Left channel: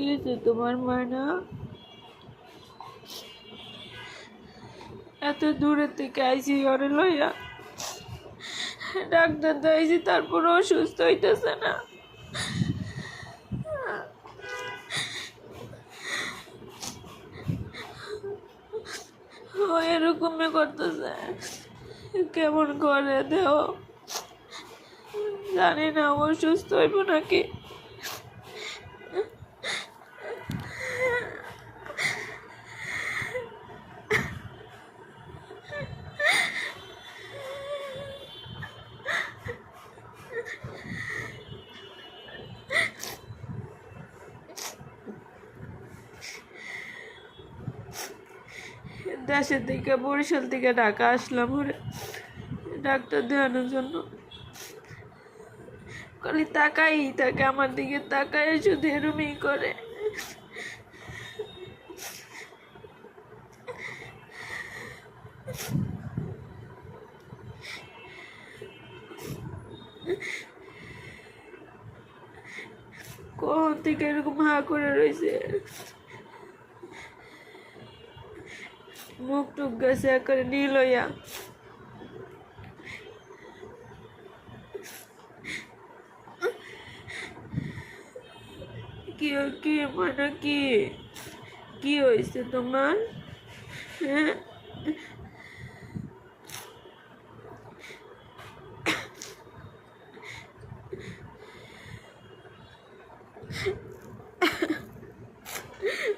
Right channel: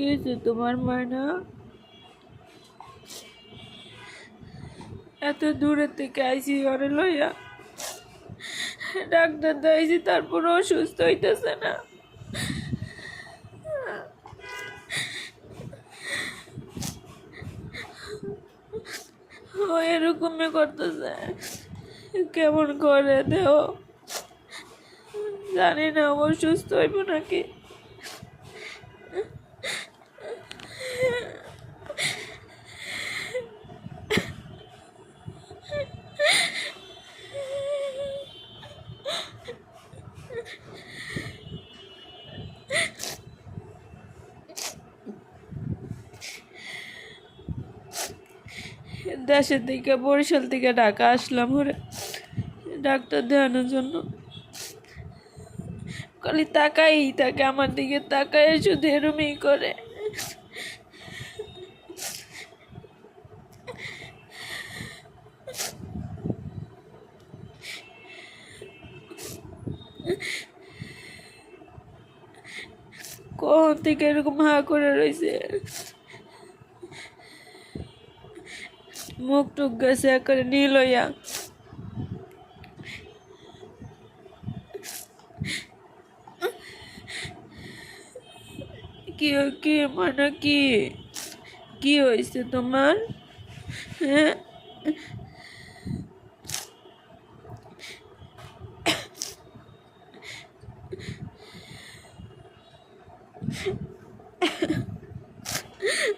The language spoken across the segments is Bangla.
কি হয়েছে তোমার ময়না? এত দূরে থেকে আইসি ঘরে লইয়া, ডাক্তার দেখাইছি, তারপর অসুস্থ হইতেছে না। ও এরকমই করতেছে, কেমন করে দেহ জানি না, ও সুস্থ হইব নাকি। দেশের থেকে, বরিশাল থেকে ঢাকা আসলাম ওরে ডাক্তার দেখানোর জন্য। খালি তাকাই থাকে আমার দিকে, তাকায় শুধু এরমই করে। কখন থেকে এরকম হা করে রয়েছে, মুখ টুক গেছে করে নীল হইয়া। কি কি মানে কি কি হয়েছে তোমার? হ্যাঁ,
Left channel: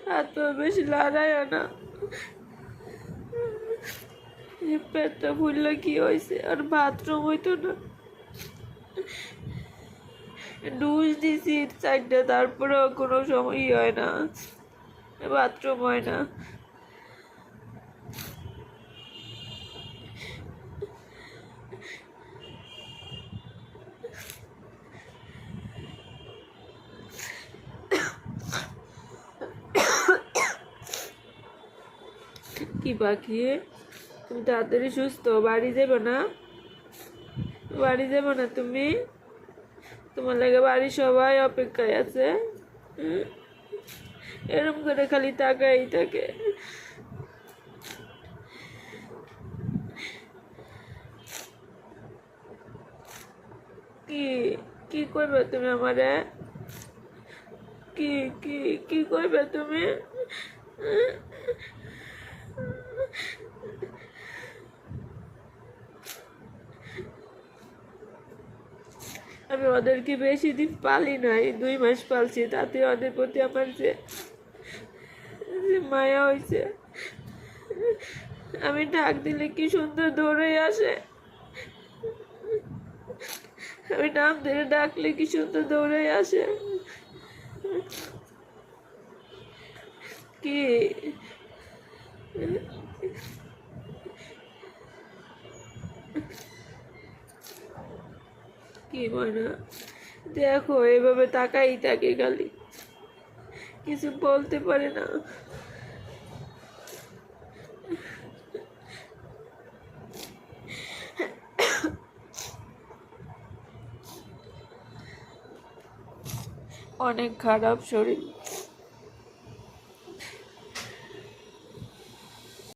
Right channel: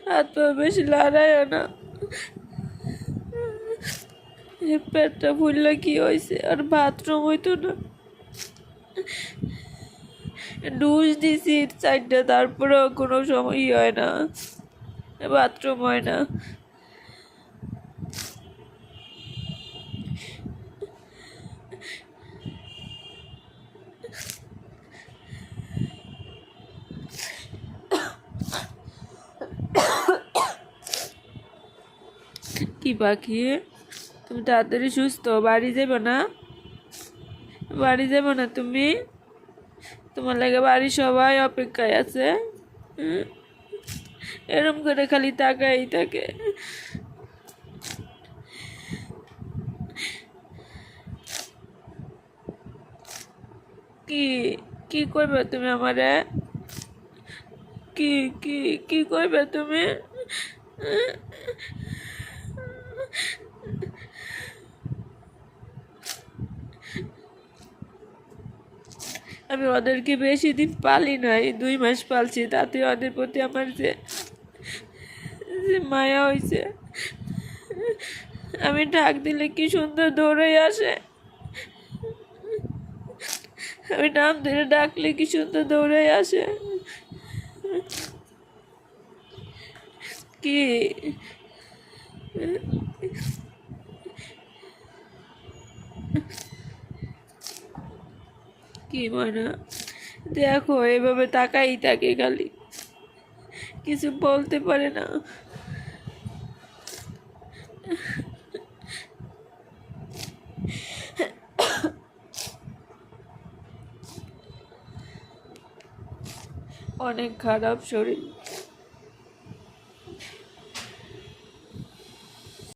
হাত পা বেশি লড়ায় না, পেটটা ফুললে কি হয়েছে? আর বাথরুম হইতো না, ডুস দিছি 4টা, তারপরেও কোনো সময় হয় না, বাথরুম হয় না। কি বাকি, তুমি তাড়াতাড়ি সুস্থ, বাড়ি যাবে না? বাড়ি যাবে না তুমি? তোমার লাগে বাড়ি সবাই অপেক্ষায় আছে। এরম করে খালি তাকাই থাকে। কি কি করবে তুমি আমারে? কি কি কি করবে তুমি? আমি ওদেরকে বেশি দিন পালি নাই, 2 মাস পালছি, তাতে ওদের প্রতি আমার যে মায়া হয়েছে। আমি ডাক দিলে কি সুন্দর দৌড়ে আসে, আমি নাম ধরে ডাকলে কি সুন্দর দৌড়ে আসে। কি কি মনে, দেখো এভাবে তাকাই থাকে খালি, কিছু বলতে পারে না। অনেক খারাপ শরীর।